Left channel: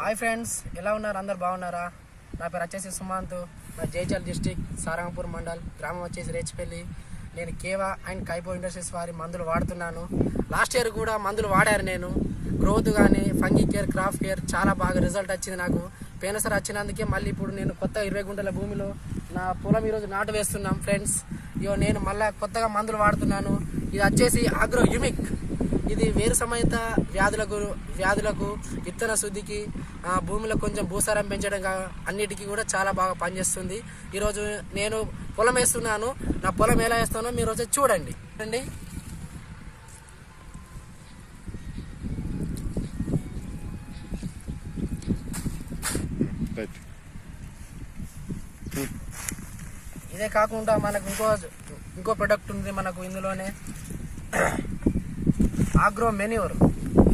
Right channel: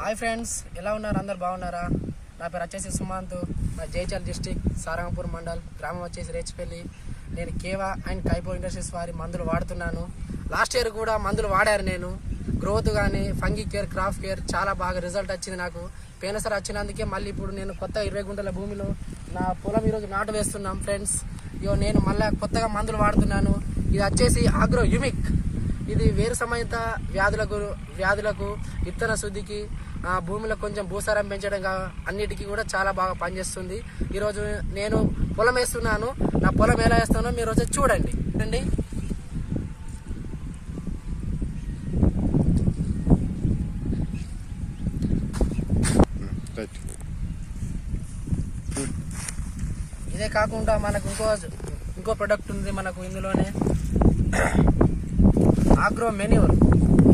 Hi friends, ఎలా ఉన్నారు? అందరు బాగున్నారా? నా పేరు వచ్చేసి సుమంత్. నా జైచల్ డిస్టిక్ సారంగపూర్ మండల్, గ్రామం వచ్చేసి రేచిపల్లి. నేను కేవా అండ్ కైపో ఇండస్ట్రీస్ వారి మందులు వాడుతున్నాను. లాస్ట్ ఇయర్ కూడా మందులు వాడారు. నేను గ్రోత్ కానీ ఫంగీ కేర్, క్రాఫ్ కేర్ చాలా బాగా రిజల్ట్ వచ్చింది నాకు. పోయినసారి వచ్చినందుకే మళ్ళీ ఇప్పుడు నేను కొత్త 20 గుంటల భూమిలో నా పొలం ఈరోజు నాటు వేస్తున్నాం ఫ్రెండ్స్. నేను మళ్ళీ కొత్తగా మందులు వాడుతున్నాను. ఇది వచ్చేసి ఆగ్రో యుమిక్. ఇది వేరు సమేత వ్యాధులకు విత్తన శుద్ధికి, భూమిలో కొంచెం భూసారం పెంచడం అన్నిటికీ కూడా చాలా బాగా పనిచేస్తుంది. ఈరోజు నేను పొలం వేస్తున్నాను. నా పొలం ఎలా వేస్తానో మీరు వచ్చి చూడండి. ఇదే కాకుండా మనకు ఇంకో ప్రొడక్ట్ ఉంది మనకు ఇందులోనే, ఆగ్రో మెన్యూర్.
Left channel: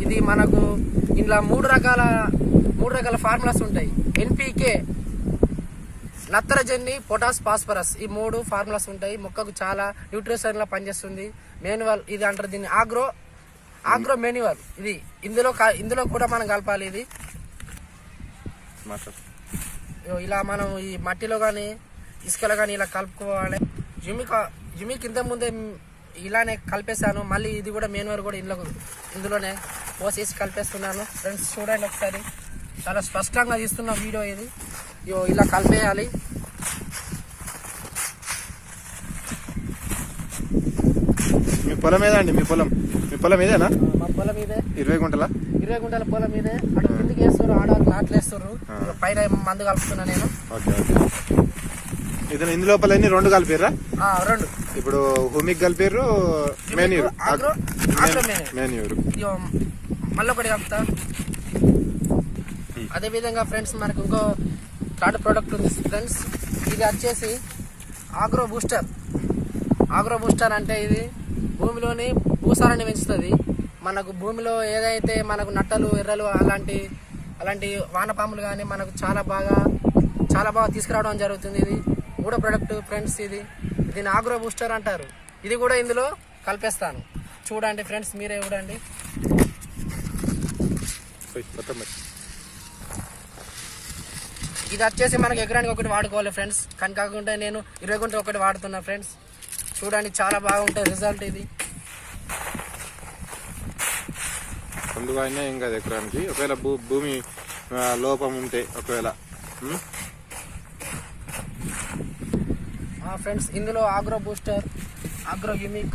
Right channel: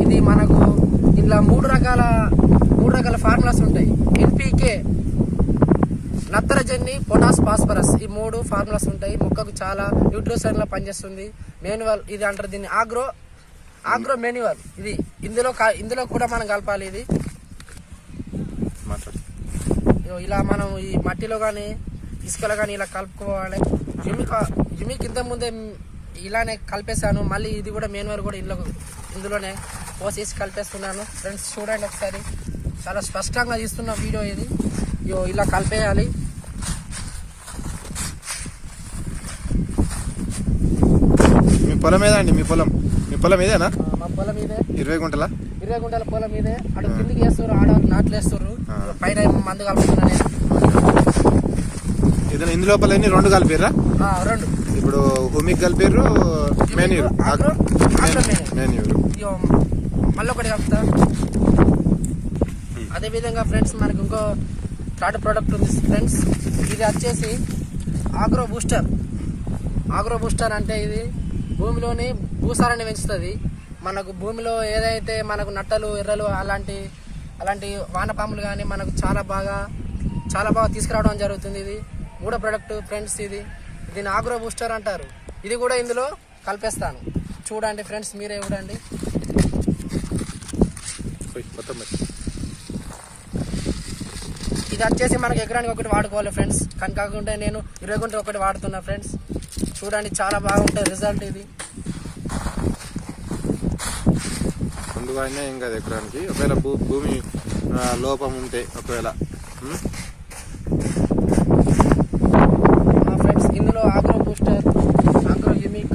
ఇది మనకు ఇందులో మూడు రకాల ఫార్ములాస్ ఉంటాయి. ఎన్పీకే, నత్రజని, పొటాస్, ఫాస్ఫరస్, ఈ 3 ఫార్ములాస్ ఉంటాయి. మొక్కకు చాలా న్యూట్రిషన్ లా పనిచేస్తుంది. మాన్యువల్ ఇది అంటారు దీన్ని, ఆగ్రో మెన్యూర్. ఇది ఇందులో కూడా మనం కలపాలి. ఇది ఇలా మనం ఈ మట్టిలో కానీ ఇసుకలో కానీ ఇలా కలుపుకోవాలి. యుమిక్ ఇంత ముందే ఇలానే కలిపేశాను. మళ్ళీ ఇది కూడా మెన్యూర్ కూడా ఇందులోనే పోసేసి కలిపేస్తున్నాను. ఫ్రెండ్స్ చూడండి ఒకసారి, చాలా స్పష్టంగా తీస్తున్న వీడియో ఇది. ఇలా కలిపేయాలి. మీ పొలం ఏదండి? మీ పొలం ఇదేనా? మా పొలం ఇదే. 20 గుంటల పొలం ఇదే. అటు కిందికి వేస్తారు, ఆడవాళ్ళు నాట్లు వేస్తారు. పైన మందు కలుపుతున్నా నేను. ఇందు లోపల 2 కలిపిర్రా? 2. ఇప్పుడు హుమిక్ కలిపిర్రు, మెన్యూర్. మళ్ళీ ఒకటి కలుపుతా. అదే విధంగా ఫ్రెండ్స్ మనకు ఇంకో థర్డ్ ప్రోడక్ట్ ఉంది ఫ్రెండ్స్. ఇది వచ్చేసి ఆగ్రో బూస్టర్. అంటే ఇది భూమిలోని భూసారాన్ని పెంచుతుంది. మనకు భూమిలో ఏదైతే మనకు నట్టలు, ఎర్రలు అలాంటి వానపాములు కానీ మనకు చాలా బాగా తీసుకురావడం జరుగుతుంది. ఇది 3వ ప్రోడక్ట్ ఫ్రెండ్స్. దీన్ని ఆగ్రో బూస్టర్ అంటారు. ఇది కూడా ఇందులో కలిపేస్తాను. చూడండి ఫ్రెండ్స్, మీరే చూడండి. ఇది వచ్చేసి మనకి ఎకరానికి ఒకటి వాడుకోవాలి ఫ్రెండ్స్. కానీ కాకుండా నేను 20 గుంటలు ఒకటి వాడుతున్నా ఫ్రెండ్స్. చూడండి, చాలా బాగుంటుంది రిజల్ట్. ఇది ముందుగా అయినా ఏం కాదు ఎకరానికి. ఒకవేళ భూమి లోపం ఉంటే ఒకవేళ ఫ్రెండ్స్, ఇందులో ఆగ్రో బూస్టర్, ఆగ్రో యుమిక్,